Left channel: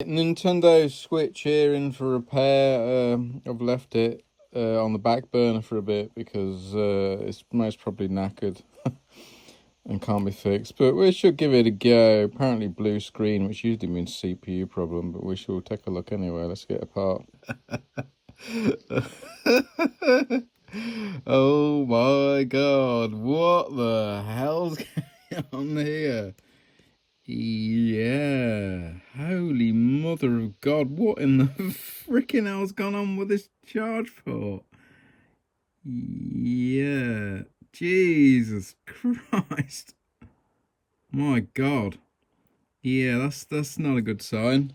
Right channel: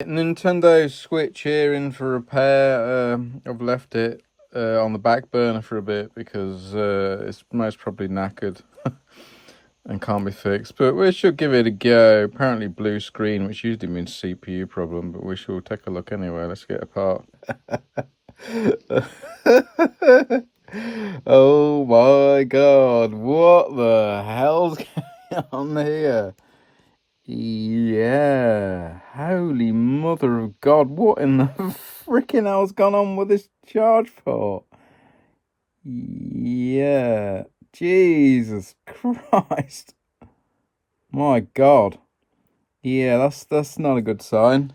Nintendo Switch here in for repair. I've left it on the back burner for a bit because it's most probably knackered and can't be fixed. But we should give it a go. Apparently blue screen, which usually means CPU problem, but we shall take a look anyway. Let's get apart. Oh my god, what the hell's going on here? Yeah, holy mother of God, what in the freaking hell's gone on with this charge port? Yeah, Jesus Christ. My God. Yeah, that's not a good sign.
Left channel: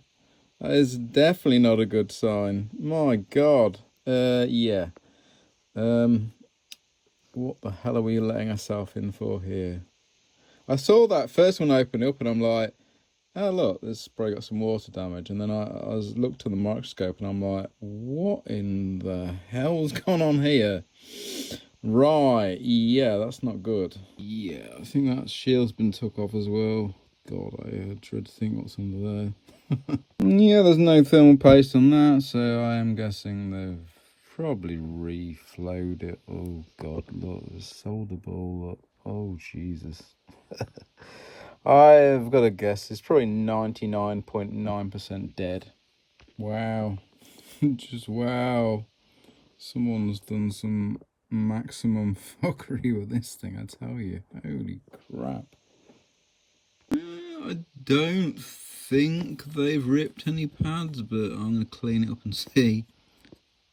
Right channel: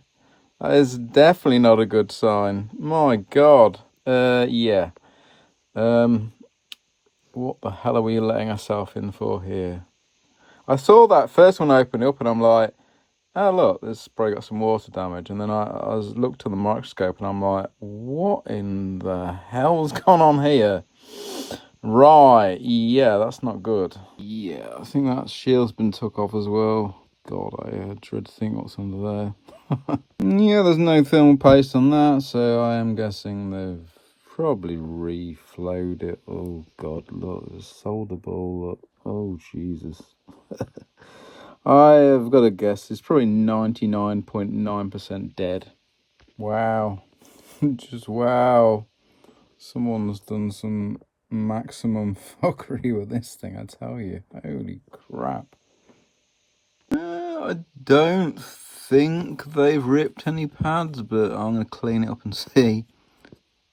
That is definitely not a good sign. My God. Yeah. What the hell are we letting ourselves in for here? I saw that first one open up and I'm like, oh look, there's probably got some water damage. And then I looked at the microscope and I'm like, what in the hell's gone on here? Right, yeah, that's not good. Yeah, I think that shield's been took off as well. God, I dread to think what's under there. Yeah, there's no thermal paste on that, so I am guessing they've probably reflowed it. Oh God, look, there's a solder ball. Look. Oh Jesus. I have got to guess it's probably 99.9% dead. Wow. Just wow. Someone's done some maximum fuckery with this thing, I tell you. Holy crap. I don't think they've ripped any pads, but I'm going to clean it up and see.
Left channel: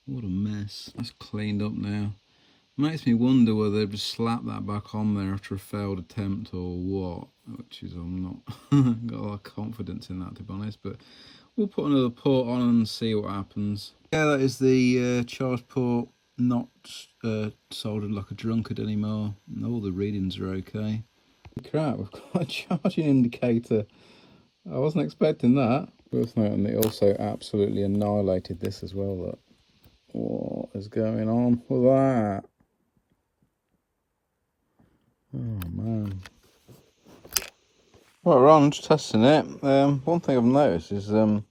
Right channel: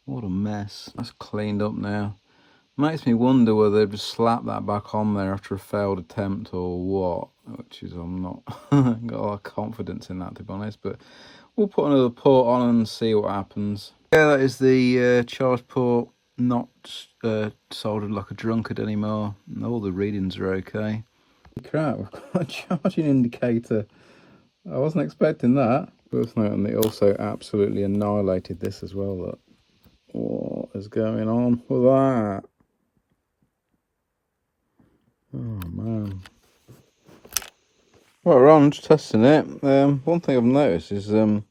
What a mess. That's cleaned up now. Makes me wonder whether they've just slapped that back on there after a failed attempt or what. Which is, I'm not got a lot of confidence in that, to be honest. But we'll put another port on and see what happens. Yeah, that is the charge port, not soldered like a drunkard anymore. All the readings are okay. Crap, we've got a charging indicator. I wasn't expecting that. Worth noting, they also absolutely annihilated this as well. Look. What is going on with that? Oh man. Well, we're on, just testing it. One thing I've noticed is the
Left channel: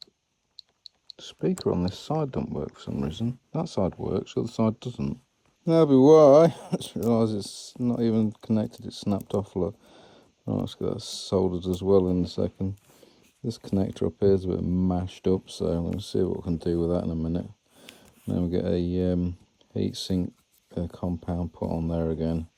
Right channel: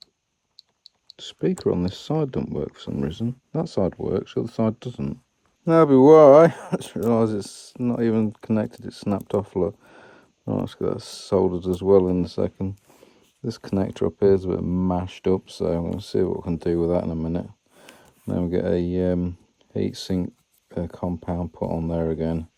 speaker on this side don't work for some reason. That side works, the other side doesn't. That'll be why. I just realised it's not even connected, it's snapped off. Look. Oh, let's get that soldered as well in a second. This connector up here is a bit mashed up, so we'll see what we can do with that in a minute. Then we get a heatsink compound put on there again,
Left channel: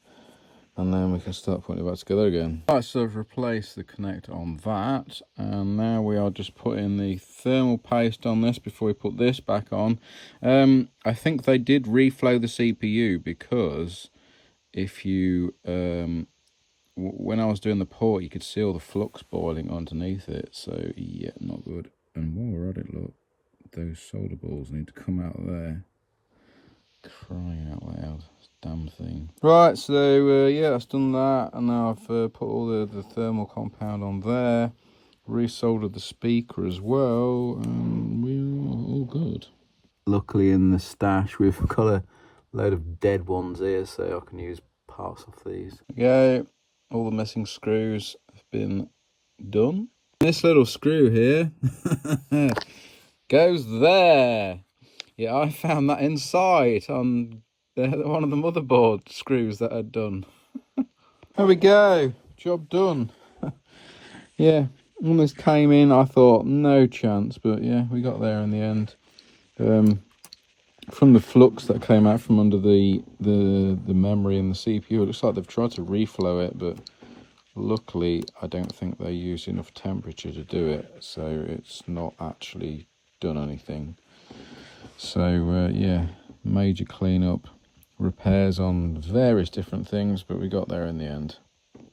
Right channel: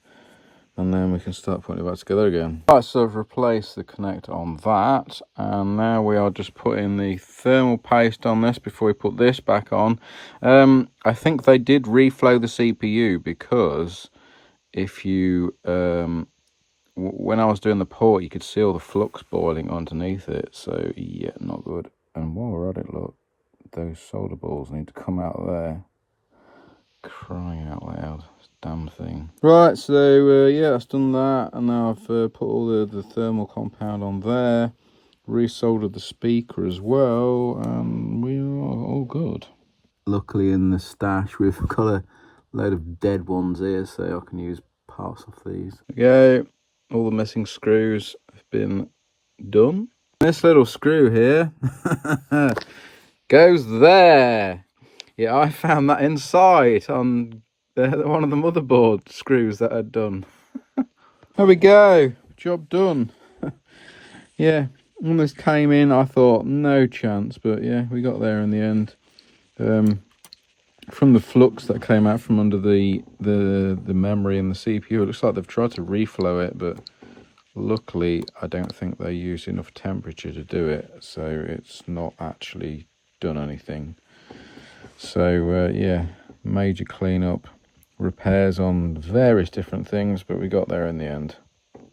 and then we can start putting it back together again. Right, so I've replaced the connector on that, and now we are just putting the thermal paste on this before we put this back on. I think they did reflow the CPU because if you when I was doing the port, you could see all the flux boiling underneath it. So yeah, not good. And while we're at it, look, those solder balls need to come out of there. Crying out loud, this damn thing. Right, so yeah, I've done that, and now I've put all the thermal compound on there, resoldered the speaker as well, and we are all good. Luckily in the stash we've got a load of dead ones here, so I can use parts of these. There we go. All the missing screws have been done. This little screw here goes there. Yeah, I found that inside on one of the motherboard screws that I'd done. There we go. Job done. Yeah, when this came in, I thought no chance, but yeah, we got there in the end. From the flux that came out from under the memory and the CPU, it looks like they've tried to reflow it, but luckily I don't think they used enough temperature to do it, so it's not actually done anything. So yeah, major cleanup, repairs on various different things, but we got there in the end.